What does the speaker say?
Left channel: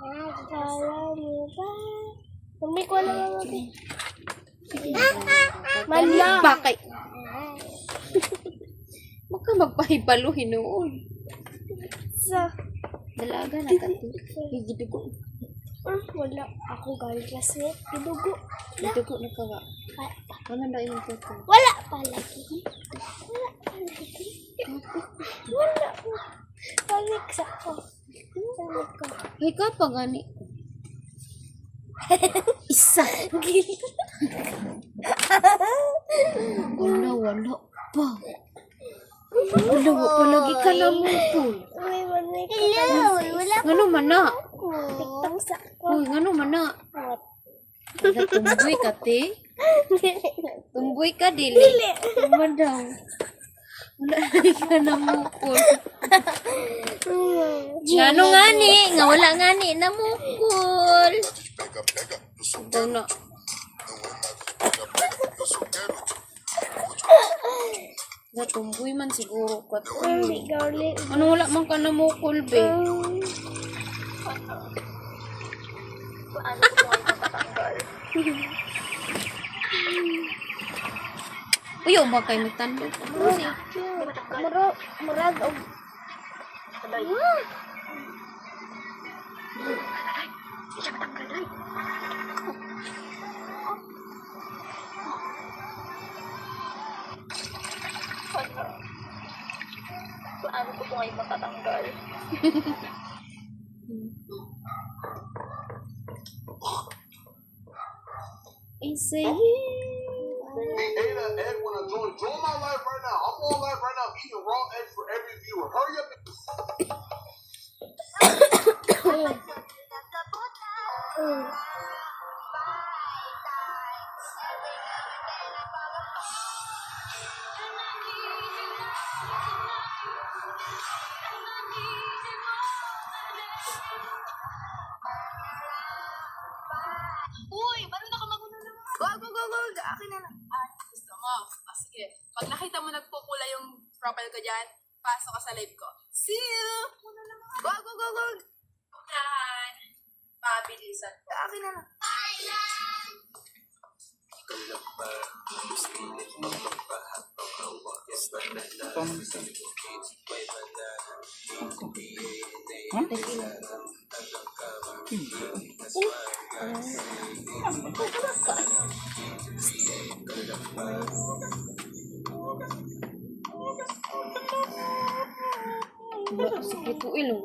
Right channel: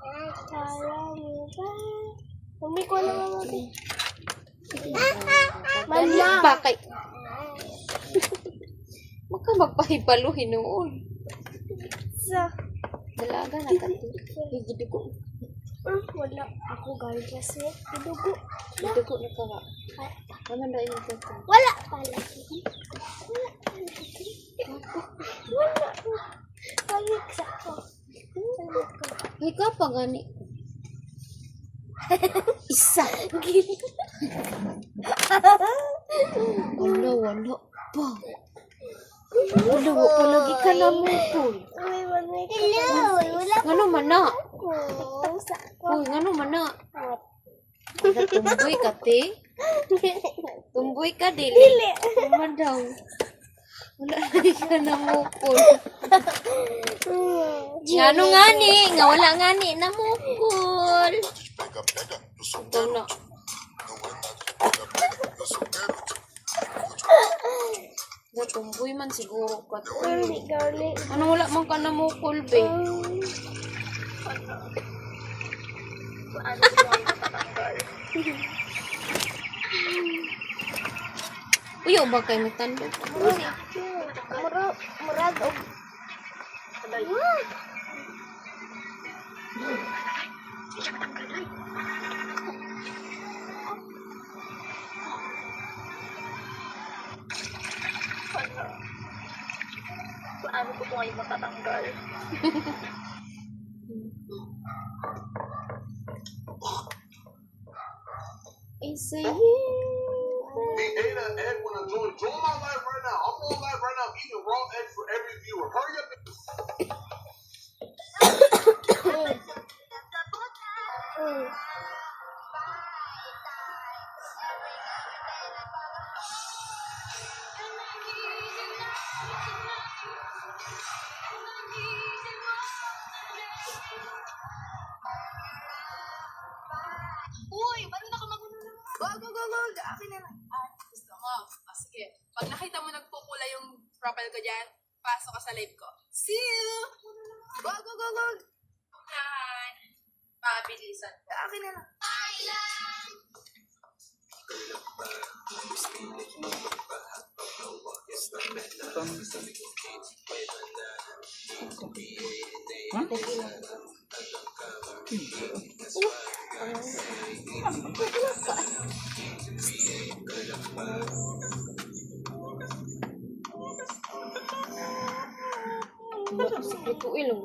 Kala mo ba? Mami ko na mami. Mala. Bakay. Maka magpahibalo hinuon. Sa. Dalaga na kanto. Higid ko. Wala. Ako galing klase. Idugo. Dugo na ka ba? Ano na ini ko? Wala pala. Wala. Pangit sa ako. Ay ka pa gani. Isa. Wala pa. Wala pa lagi ka na mo po. Ngano man na? Uy, ngano man na? Wala tumboy ka te. Tumboy ka dili. Tuma daw. Wala lagi ka na mo po. Ngano ngani? Nga wala ngani na mo po. Daw na. Tumboy man siguro ka. Ano wala man ka na mukul be? Uyo ba kay matanda? Murag og paano ko ay matatanggal? It's a Hey, Ada, Ed, when I join my live right now. I'm on live right now. I'm eating raw eggs for every viewer. Hurry up. Uy, marunong ako magunan. Wag. Akin na lang. Gusto mo? Sige. Pag nakita mo nagpupula yung profile ko dyan, pasok ka sa live ko. See you! Wag. Unahan. Pabilisan ko. Akin na lang. Sa puto ilong.